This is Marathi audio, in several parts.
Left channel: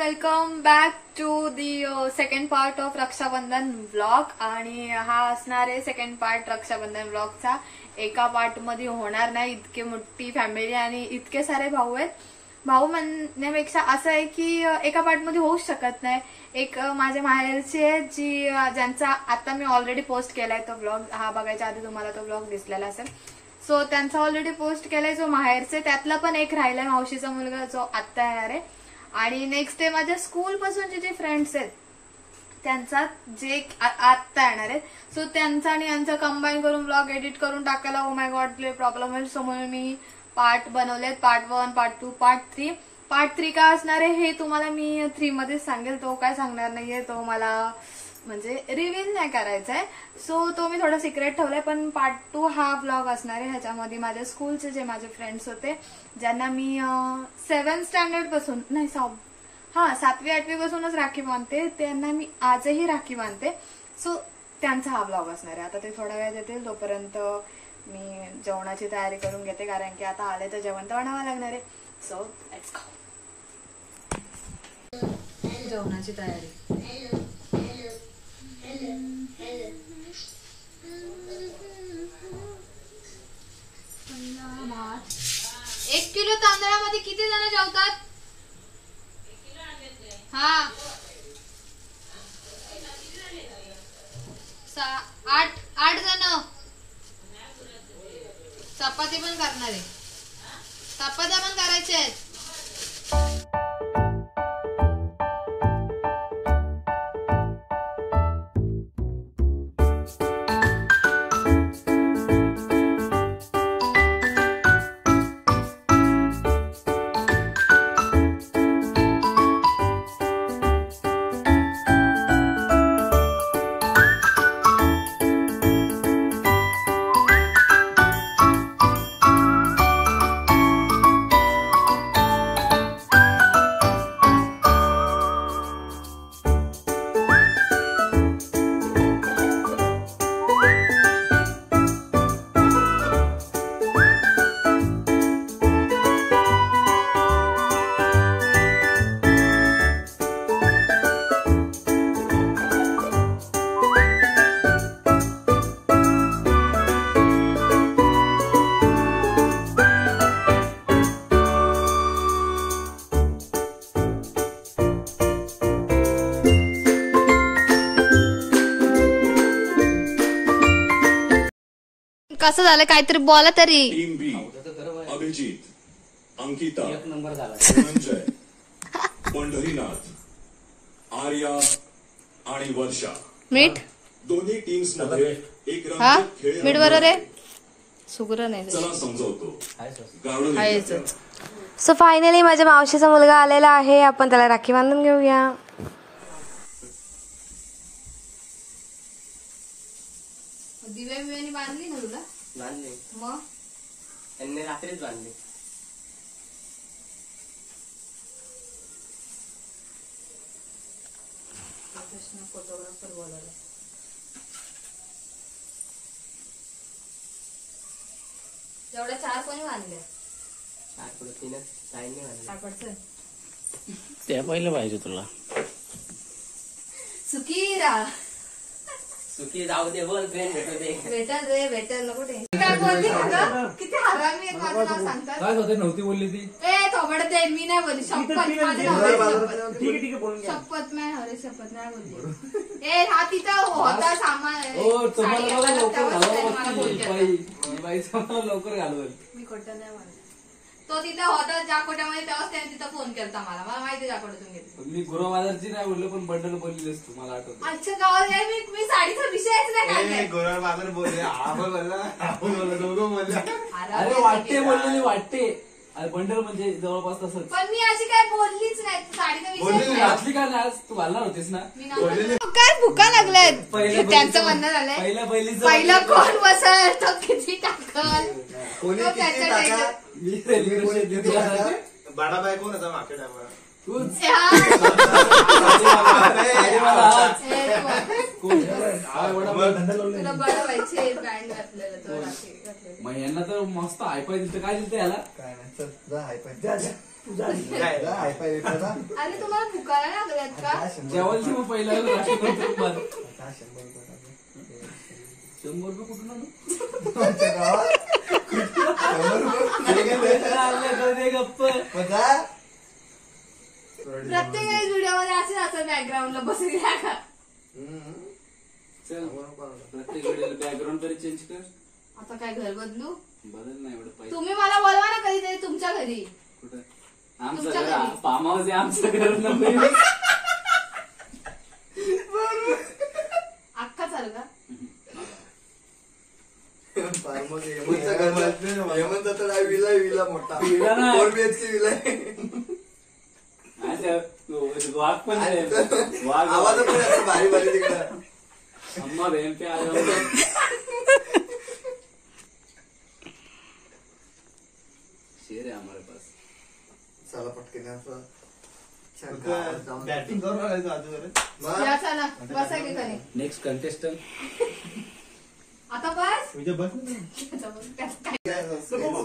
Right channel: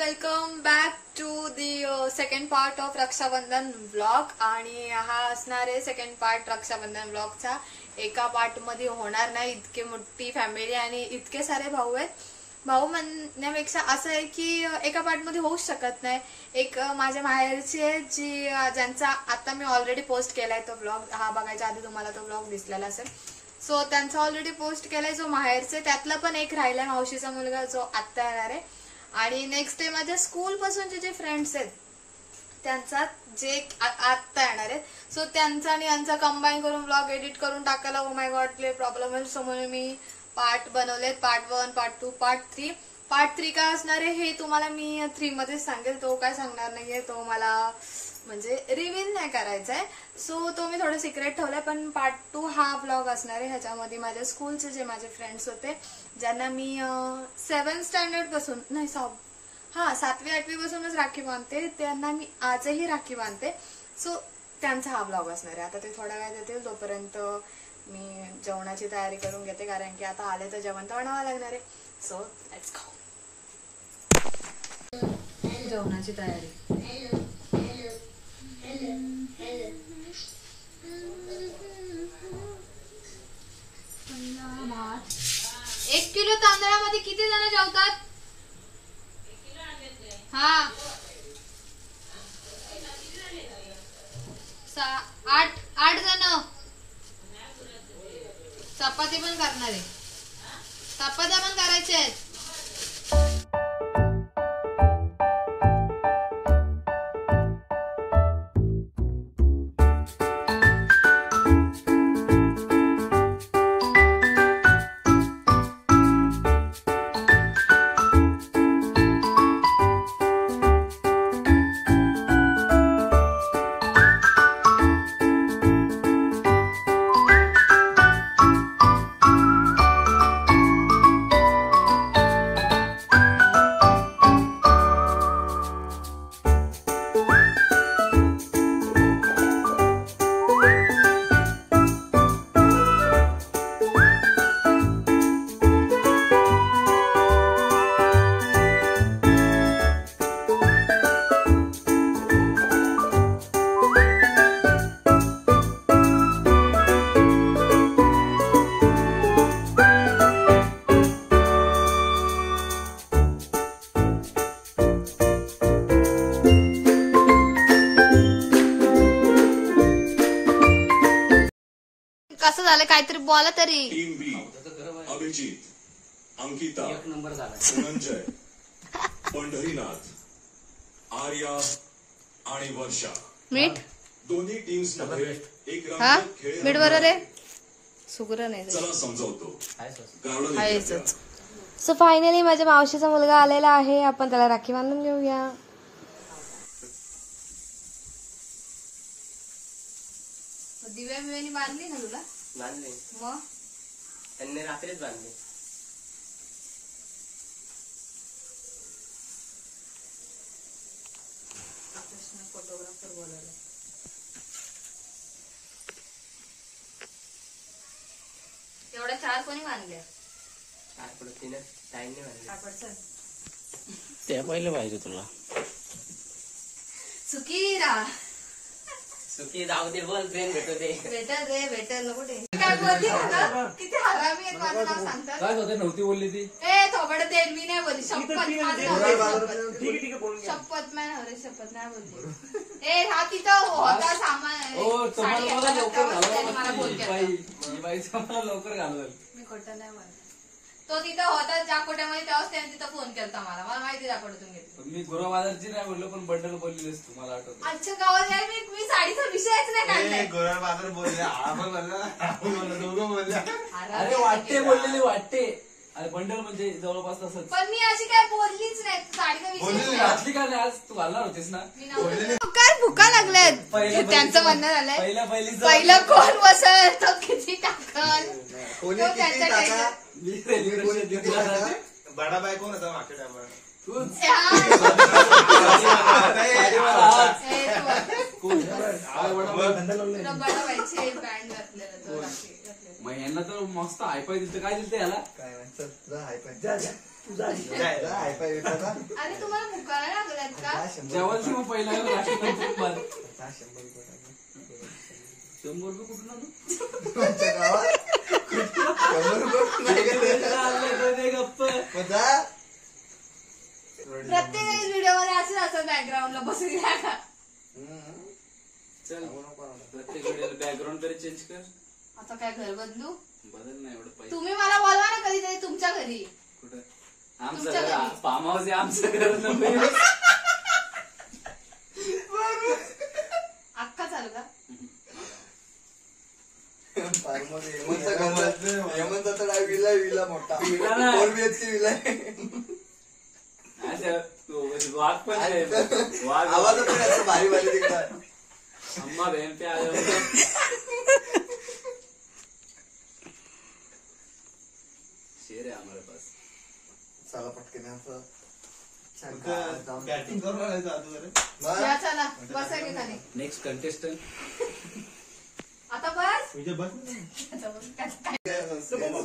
Welcome back to the second part of Rakshabandhan vlog. आणि हा असणार आहे सेकंड पार्ट रक्षाबंधन व्लॉगचा. एका पार्ट मध्ये होणार नाही, इतके मोठी फॅमिली आणि इतके सारे भाऊ आहेत. भाऊ म्हणण्यापेक्षा असं आहे की एका पार्ट मध्ये होऊच शकत नाही. एक माझ्या माहेरची आहे ज्यांचा आता मी ऑलरेडी पोस्ट केलाय तो व्लॉग. हा बघायच्या आधी तुम्हाला तो व्लॉग दिसलेला असेल. सो त्यांचा ऑलरेडी पोस्ट केलाय जो माहेरचे. त्यातला पण एक राहिलाय मावशीचा मुलगा जो आत्ता येणार आहे. आणि नेक्स्ट डे माझ्या स्कूल पासूनचे जे फ्रेंड्स आहेत त्यांचा जे आत्ता येणार आहेत. सो त्यांचा आणि यांचा कंबाईन करून ब्लॉग एडिट करून टाकायला ओ माय गॉड लय प्रॉब्लेम आहे. सो म्हणून मी पार्ट बनवलेत, पार्ट 1, पार्ट 2, पार्ट 3. पार्ट 3 का असणार आहे हे तुम्हाला मी 3 मध्येच सांगेल. तो काय सांगणार नाहीये, तो मला म्हणजे रिव्हील नाही करायचा आहे. सो तो मी थोडा सिक्रेट ठेवलाय. पण पार्ट 2 हा ब्लॉग असणार आहे. ह्याच्यामध्ये माझ्या स्कूलचे जे माझे फ्रेंड्स होते ज्यांना मी 7th स्टँडर्ड पासून नाही 7वी 8वी पासूनच राखी बांधते, त्यांना मी आजही राखी बांधते. सो त्यांचा हा ब्लॉग असणार आहे. आता ते थोडा वेळ देतील, तोपर्यंत मी जेवणाची तयारी करून घेते, कारण की आता आले तर जेवण तर बनवावं लागणार आहे. So let's go. जेवणाची तयारी. 1 किलो तांदळामध्ये किती जण जेवतात? हा 8 जण. चपाती पण करणार आहे, चपात्या पण करायच्या आहेत. कसं झालं काहीतरी बोला तरी. अभिजित, अंकिता, 1 नंबर झाला. संजय, पंढरीनाथ, आर्या आणि वर्षा. मीठ दोन्ही टीम्स मध्ये एक हा रंगीत खेळ मीठ बरोबर आहे. सुगरण नाही चला समजावतो. आहेच. सो फायनली माझ्या मावशीचा मुलगा आलेला आहे. आपण त्याला राखी बांधून घेऊया. दिव्या बिव्यानी बांधली ना तुला? बांधले मग त्यांनी रात्रीच बांधले. फोटोग्राफर बोलायला एवढ्या 4 कोणी बांधल्या? 4 पुढे 3 टाइम नाही बांधले. ते पहिलं पाहिजे तुला. सुखी राहा. सुखी जाऊ दे, बोल ट्रेन भेटल नको टेन्शन. किती हरामी आहेत माझं नाव सांगतात. काय होतं नव्हती बोलली ती. थोबड ते मी नाही बोलली. शपथ शपथ नाही शपथ नाही बोलली. हा तिथं होता सामान. तुम्हाला मला लवकर घालवलं. बाईचा मला लवकर घालवलं. मी खोटं नाही बोलत. तो तिथं होता ज्या कोट्यामध्ये, तेव्हाच त्याने तिथं फोन केला मला माहिती त्या कोट्यातून घेतली. मी गुरु बाजारची नाही बोललो, पण बंडल बोलली असतो मला आठवत. अच्छा गावात नाही मी साडीचा विषयच नाही काढलाय. गोरा बाजार बोलले, आपण बोलला, दोघं बोलला. अरे वाटते बोललेली वाटते. अरे बंडल म्हणजे जवळपास तसंच. पण मी अशी काय बोललीच नाही. साडीचा विषय घातली का नाही? आज तू घालणार होतीस ना. काय भुका लागल्यात त्यांचं म्हणणं झालंय. पहिलं कोण बसल तो किती टाकल. बाडाबाई कोण होता मागे टाका. मग यांना तर मस्त हायपाय दिसतं. काय दिसतं याला? काय नाही, चल जा हायपाय जा. अरे तुम्हाला पुकारा लागल्यात का? जेवायची मग पहिला राष्ट्रपती 100 रुपये कुठून आणू? गप्प प्रत्येक व्हिडिओ मध्ये असेच असं बॅकग्राऊंडला बसून घ्या का? चल प्रत्येक व्हिडिओला बॅकग्राऊंड तरी चेंज कर. आता काय घर बदलू? बदल नाही एवढं पैसे तुम्ही मला बोलवा ना कधीतरी तुमच्या घरी. कुठं आमचं तुमच्या घर घरी. फार्म हाऊस आहे आमचं घर नव्हे. अख्खा चालू का? विला मोठा विला नाही. 4 BHK विला आहे. वाघ पण आहे. वाघ आवाज पण असं भारी भारी तिकडं. अम्मा बहन पे आया हूं. शेर आहे हमारे पास. चला पटकन असं बॅटिंग करून आलाय का आजवर? या चला बसा की खाली. नेक्स्ट कंटेस्टंट आता बस. विजय बस ना. आता बस. काय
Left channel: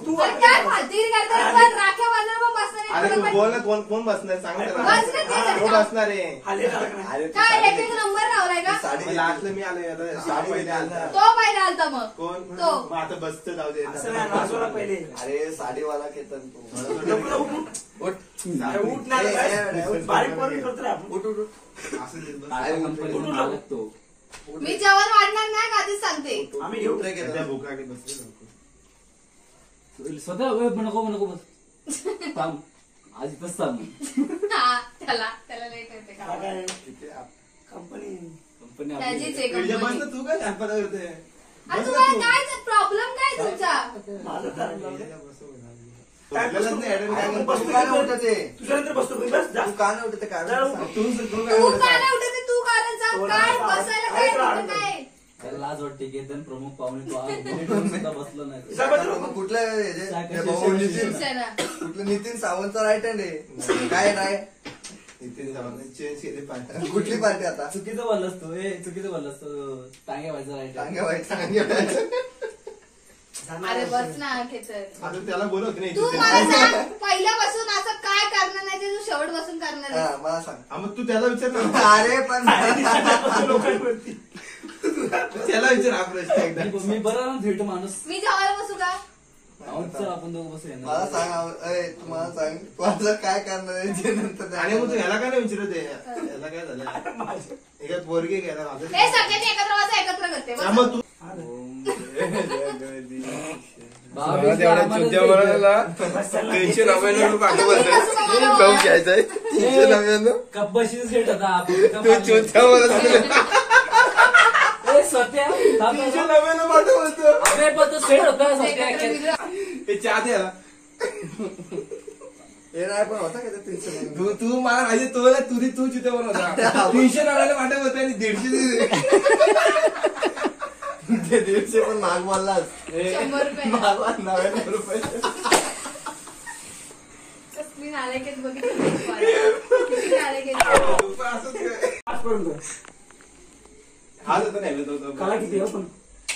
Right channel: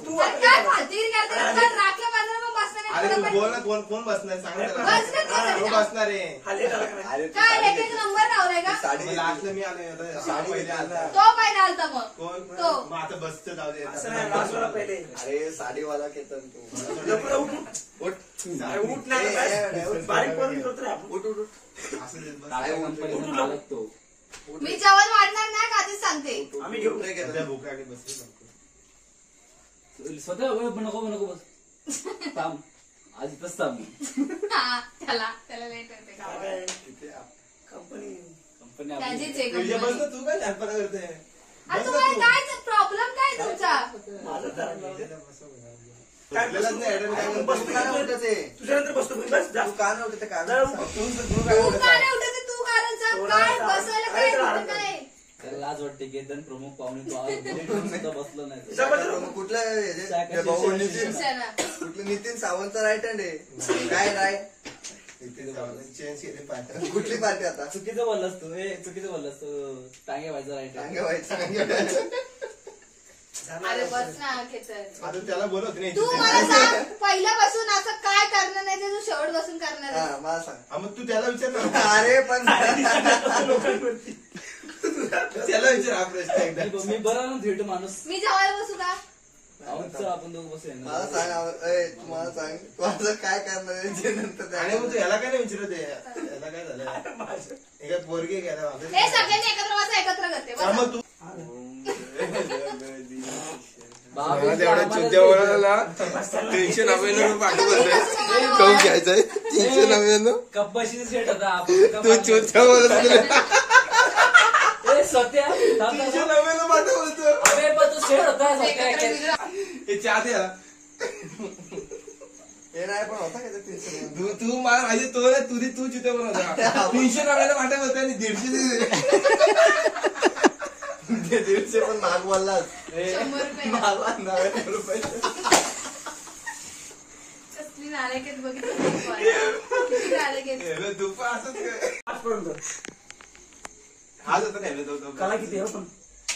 तू अरे काय फालतूगिरी करताय? पण राख्या बांधून मग बसणार आहे. अरे तू पण- बोल ना कोण बसणार सांग ना त्याला. बस ना ते. तो बसणार आहे. अरे काय एक एक नंबर लावलाय का? साडी मग लास्टला मी आलोय आता. साडी पहिले आलता. तो पहिला आलता मग. कोण तो. मग आता बसचं जाऊ दे. अरे साडीवाला केतन तू उठ असं दे बस. टाटा कंपनीचा मालक तो. मी जेवण वाढणार नाही का आधीच सांगते. आम्ही घेऊन सध्या भूक लागली बसली लवकर. स्वतः नको बस थांब आज इथंच थांब. हा, त्याला नाही करते का? कंपनी त्याचीच आहे विजय बस कंपनी. ना तू काय झाडपाला करते. अरे तुम्हाला काय प्रॉब्लेम काय तुमचा? तुझ्यानंतर बसतो तू का नाही उठत काय तू का नाही उठत? तू कारण सांग. काय बसायला काय तिथं काय? त्याला लाज वाटते की एकदम प्रमुख पाहुणे सुद्धा बसलो नाही. कुठलं शिवसेना. कुठलं नितीन सावंतचा राईट हँड आहे काय राय नितीन सावंत चेंज केली पाहिजे. कुठली पार्टी आता चुकीचं बोललास तू चुकीचं बोललास तू. टांगे व्हायचं राईट सांगे व्हायचं अरे बस ना खेतर. आता त्याला बोलत नाही. तू मला सांग पहिल्यापासून असं काय करणार नाही ते तू शेवट बसून करणार आहे? हा मला सांग हा, मग तू त्याला विचार ना. अरे पण त्याला विचार हा प्रश्न एकदा. मी बरं ना थेट माणूस. मी जेवायला बसू का? चल आपण दोघं बसूया मला ना. सांग तू मला सांग तू आता काय करणार आहे जे नंतर आणि मग तू याला काय नाही विचारत आहे? याला काय झालं एका पोरगी घ्यायला हे सगळ्यांनी एकत्र बसा एकत्र करते बस. मग तू बाबा, तीनशे कब्बाशी सेट होता आपण. सत्या थांब ना. अरे पण तो सेट होता सत्या. हे चहा दे याला. हे नाही पण होता का ते 300 तू मला माझी तू तिथे बनवता 300 माटे होते आणि 150 पण महाग बोललास 100 रुपये. मला 99 रुपये कसली नालायकीच बघितली. किती नालायकीच. तू पण असंच काय? हाच होता नाही तो कला किती हो पण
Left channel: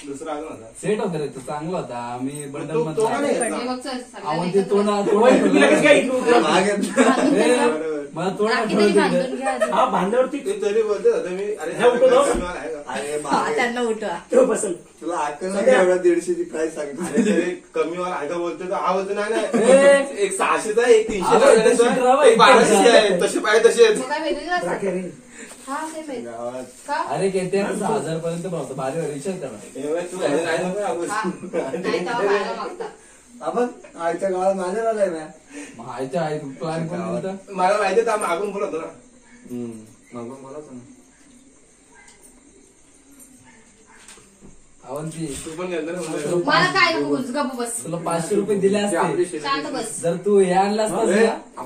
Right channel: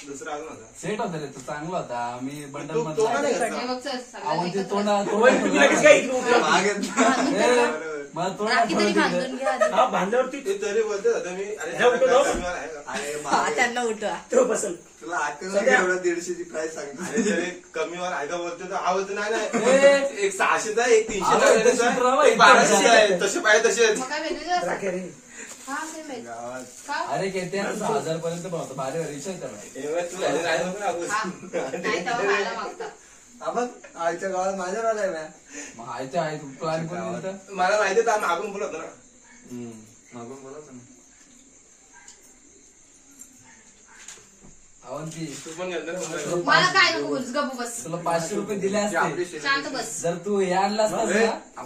दुसरा अजून होता. सेट होता रे तो चांगला होता. आम्ही बंडल तो मधला का नाही हे घेतला? बघ चल, सगळ्यांनी आवडते एकत्र. तो ना तुम्ही लगेच काय इकडे उतरा? महाग आहेत. मला तोंड राखी आठवलं तरी तिकडे. बांधून घ्या आधी. हा बांधल्यावरती ते तरी बोलतो होता मी अरे हे उठव जाऊ. कमीवाला आहे का? अरे हा, महाग आहे. त्यांना उठवा. तो बसल तुला आठवण नाही एवढा 150ची प्राइस अरे सांगतो तरी कमीवाला आहे का बोलतो तर हा बोलतो नाही ए. नाही. एक 600चा आहे, एक 300चा अरे, आहे, ते सुधरावं, एक 1200 आहे. तसे पाहिजे तसे मग काय वेगळं असतं? राखे रे हा ते माहित. गावात का? अरे किती 1000 पर्यंत पण होतं. भारी विचार करा. तू आहे नको का? नाही तेव्हा खायला मागतात. आपण आईच्या गावात माझ्या राहिलाय मॅ मग आयच्या आई प्लॅन कोण दिलता? मला माहिती आहे मागून बोलत ना. मग बोलत अवंती तू पण गेलता ना मुंबईला. मला काय नको बोलूस, गप्प बस. तुला 500 रुपये दिले असते. शांत बस. जर तू हे आणला असतास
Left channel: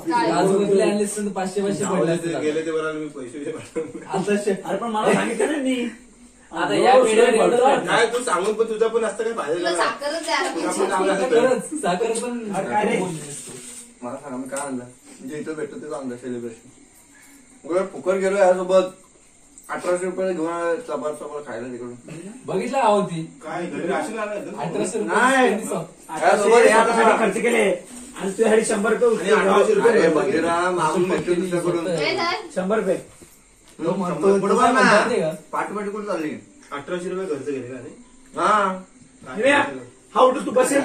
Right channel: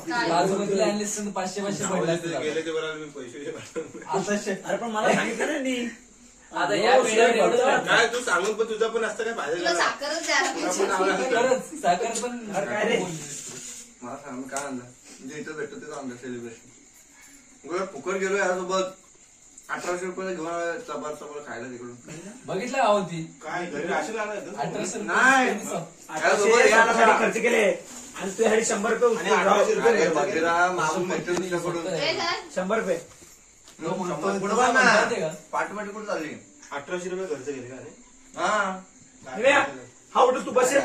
ना काजूकतली आणली असते तर 500 जाऊ पडले दे, ते गेले ते बरोबर मी पैसे पाठवले. आता अरे पण मला सांगितलं ना मी आता या पिढीवर एवढं वाटतं. काय तू सांगून पण तुझं पण असतं काय फायदा तुला झाला? साखरच द्यायला आपण पाहिजे. नाव खरंच, साखर पण अरे काय रे? मला सांगा मी काय आणलं जे इथं भेटतो तेच आणलं सेलिब्रेशन गोळ्या फुकट गेलो यासोबत 1800 रुपये घेऊन चपात खायला तिकडून बघितलं अवंती काय घरी राशन आलं होतं? 1800 नाही. रुपये आता याच्यासाठी खर्च केले आणि तुझ्यासाठी 100 रुपये आणि 1800 रुपये अरे भेटले. बघेरा, मागून भेटतो दुसऱ्याकडून. हे काय? 100 रुपये. पुढं बघ ना. पाठीमाटी कुठं चालली 1800 रुपये खर्च केले का नाही? हा हिने, हा उठूस तू बसेल.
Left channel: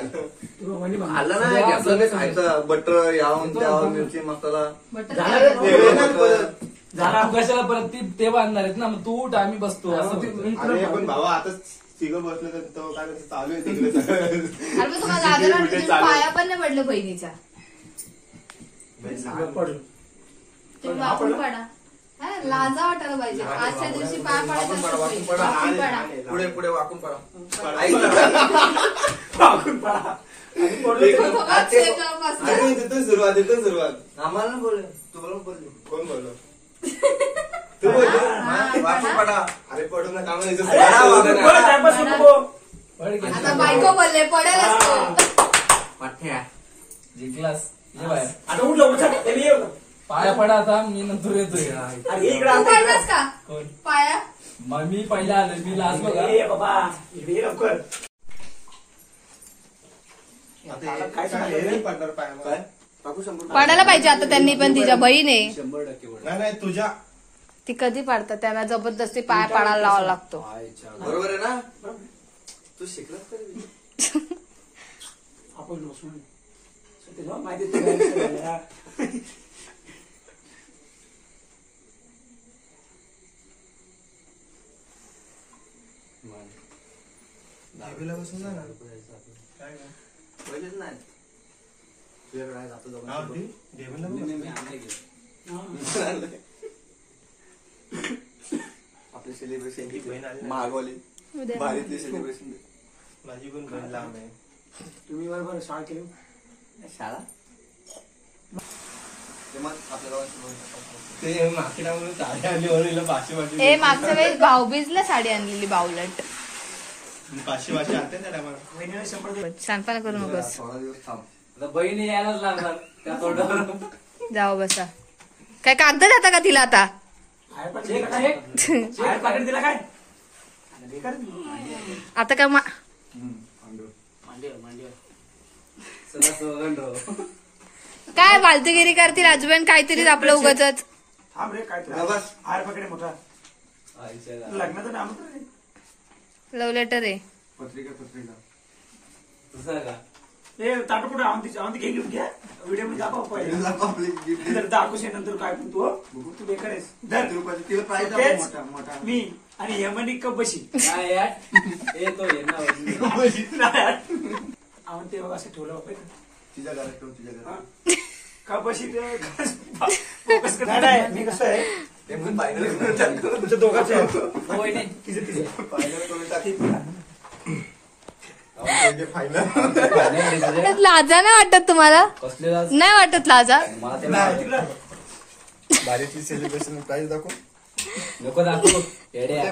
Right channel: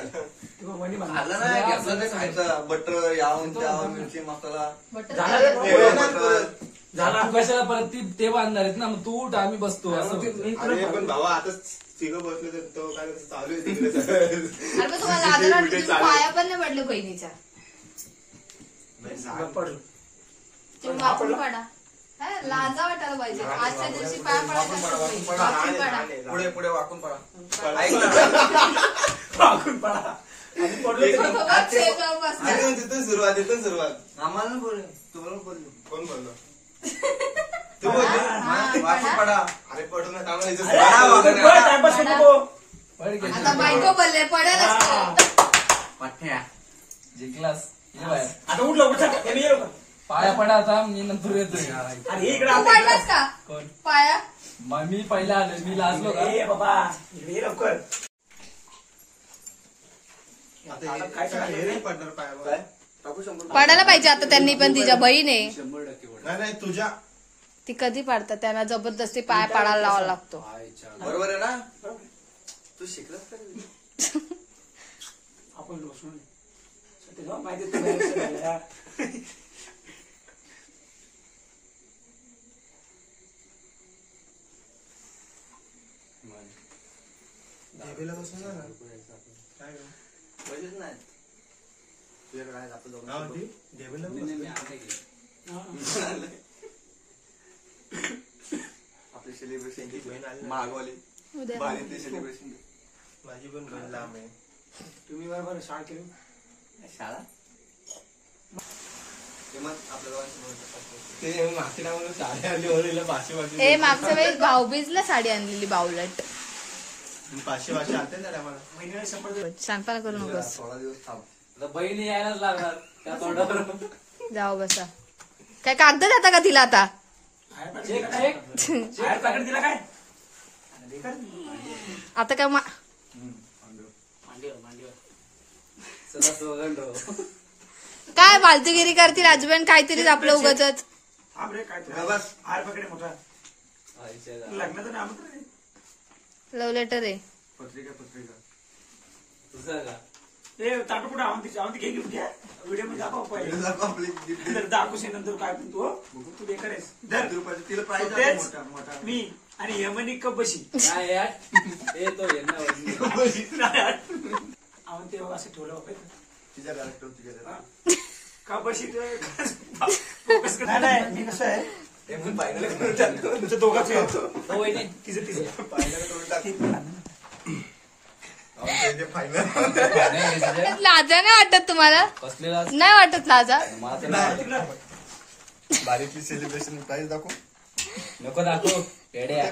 तू म्हणे मग. आलं ना घेतलं काय खायचं बटर यावं त्यावं मिरची मसाला झाला रे. ते नाही परत. झाला. तू कशाला परत ते बांधणार आहेत ना मग तू उठ आम्ही बसतो असं होतं. अरे पण भावा आता तिघं बसले तर तो काय म्हणतो, चालू आहे तिकडे सगळं. अरे पण तुम्हाला लाजायला वाटतं, तुम्ही पाया पण नाही पडले बहिणीच्या. पडू. तुम्ही वाकून पडा. हा, लाजा वाटायला पाहिजे. आजच्या दिवशी पाया पडायचं असतं बहिणी. वाकून पडा. पुढे पुढे वाकून पडा वाकून पडा. आणि पडलो तरी. फक्त शेप लावून बसला. आणि मग तिथून सुरुवात आम्हाला बोल तुला बोललो कोण बोललो तू बोललो वाकून पडा अरे पडू नका आम्हाला इथं अरे, सुरुवात. तू पळ, टाइमपास करू नको. आता बायको बोलले पडेल असतो. पाठ्या जिंकलास ये बाहेर. आता उठ लवकर चल. हे मी येऊ. पाया पडा आता मी नंतर येतोय. अरे हे इकडे तू आता पडलास इकडे. का कोण? पाया? मग मी पहिला आलो मी लाजलो का ए बाबा इकडे ये लवकर. आता हे काय सांगितलं? हे नाही पडणार पायावर. काय टाकू 100 रुपये. पडायला पाहिजे आता त्यांनी पण तिच्या बहीण आहे 100% पडा. नाही नाही तुझ्या ती कधी पाडतात त्यांना जबरदस्ती पाय पाडायला लावावा लागतो. बरोबर आहे ना तू शिकलास तरी आपण बसून सत्य माहिती आहे तुला एक्शन झालं, हा. ढेबेला बसून जा ना. काय गं? पहिलेच नाही तुझ्याकडे आहे, जातो काय दोघांसोबत. म्हणते? ढेबेला मी बसून. आणलंय की. आपली सेलिब्रेशन बहीण आली ना. मागवली उद्या भारीतली सेलिब्रेशन माझी पण बहीण लांब आहे. तुम्ही बरोबर शाळा केली. शाळा ते मग आपल्या दोघांसोबत ते नाशिकावरून साडी आली वर हिला 500 ए मागच्या वेळेस भाऊबीजला साडी आणलेली बावलट. 500 आते ना मला. महिन्याला 100 रुपये. सांगताना करू नकोस. 16 दिवस थांब आता बहिणी यायलाच लागणार त्या तोंडावर. जाऊ बसा. काय कागद जाता का तिला आता? आयर पाकिट दिला काय? आयर पाकिट दिला काय? अरे बेकार. आता काय सदा सोगंड. काय फालतूगिरी करतील आजोबान काहीतरी आपलं उगाचच. थांब रे काय हा, बस. आयर पाकिट आहे मोठा. लग्नाचं नाम तर नाही. लव्ह लेटर आहे. पत्रिका तुझं का ए ताटू कुठं आವಂತಿ घे घेऊन घ्या. व्हिडिओ मध्ये दाखव पहिले. आपली gift. नंतर दाखवशे नंतर काय पण तू तू बेकार आहेस. धर. तिला प्राईज तेच. मोठा मोठा मी आणि यमनी कप बशी. काय यार येतो यांना आವಂತಿ बघ असं ठेवलं बापरे. तिच्या घरात ठेव, तिच्या घरात. का बशी फोकस कर. नाही मी कसं आहे ते पण फायनल करून टाकतो. तुमचं दोघांचे आहे. हो वहिनी. तिचं फायनल करून टाकी. फायनल लाजा नाही वाटत तुम्हाला? कसले लाज? नाही वाटत लाजा? तिकडं. भारीतली सेलिब्रेशन प्राईज दाखव. नको दाखव येड्या.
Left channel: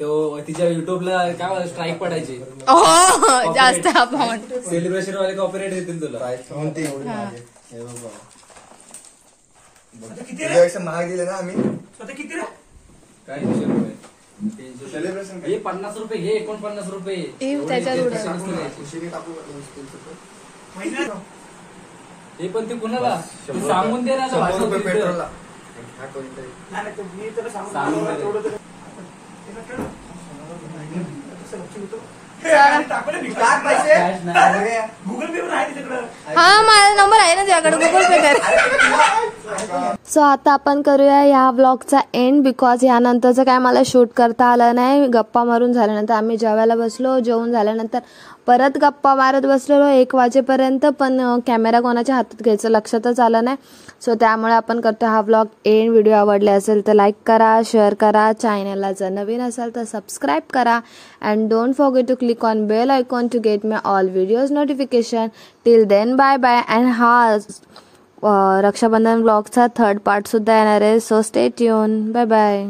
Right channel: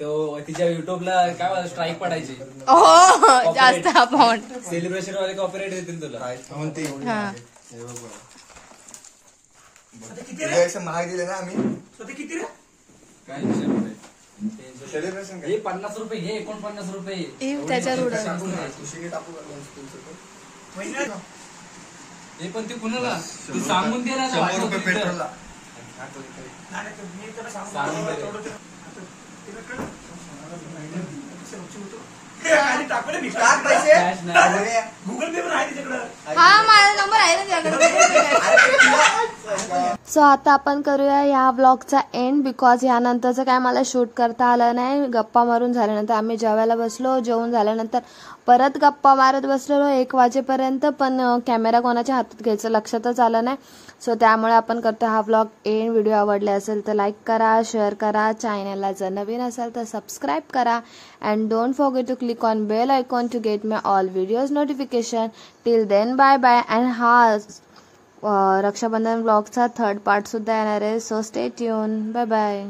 तो तिच्या युट्यूबला काय स्ट्राईक पडायची. हो जास्त अमाऊंट. सेलिब्रेशन वाले कॉपीराइट देतील तुला. प्राईज म्हणते एवढी हा. आहे. हे बघा. आता किती रे? तुझ्यापेक्षा महाग दिले ना आम्ही आता किती रे? काय 300 रुपये. 300 सेलिब्रेशन हे 50 रुपये हे 49 रुपये. त्याच्यावर एवढे उडवलं. कशाला द्यायचे? उशिरी टाकू का? महिन्यात? हे पण ते कुणाला ते सांगून दे ना. 100 रुपये पेट्रोलला. नाही, नाही, मी तुला सांगून सांगून दे. तेवढं तुला- तुला कळलं? कसं लक्ष होतं? आणि टाकलं मी. Cash नाही. गुगल पे वर आहे तिकडं. हा माझा नंबर आहे ना त्याकडे गुगल पे कर. सो आता आपण करूया ह्या व्लॉगचा एंड बिकॉज यानंतरचं काय मला शूट करता आलं नाही. गप्पा मारून झाल्यानंतर आम्ही जेवायला बसलो. जेवून झाल्यानंतर परत गप्पा मारत बसलेलो 1 वाजेपर्यंत. पण कॅमेरा कोणाच्या हातात घ्यायचं लक्षातच आलं नाही. सो त्यामुळे आपण करतो हा व्लॉग एंड. व्हिडिओ आवडले असेल तर लाईक करा, शेअर करा. चॅनलला जर नवीन असाल तर सबस्क्राईब करा. And don't forget to click on bell icon to get my all videos notification. Till then bye bye. And हा रक्षाबंधन व्लॉगचा 3rd पार्ट सुद्धा येणार आहे. So stay tune. Bye bye.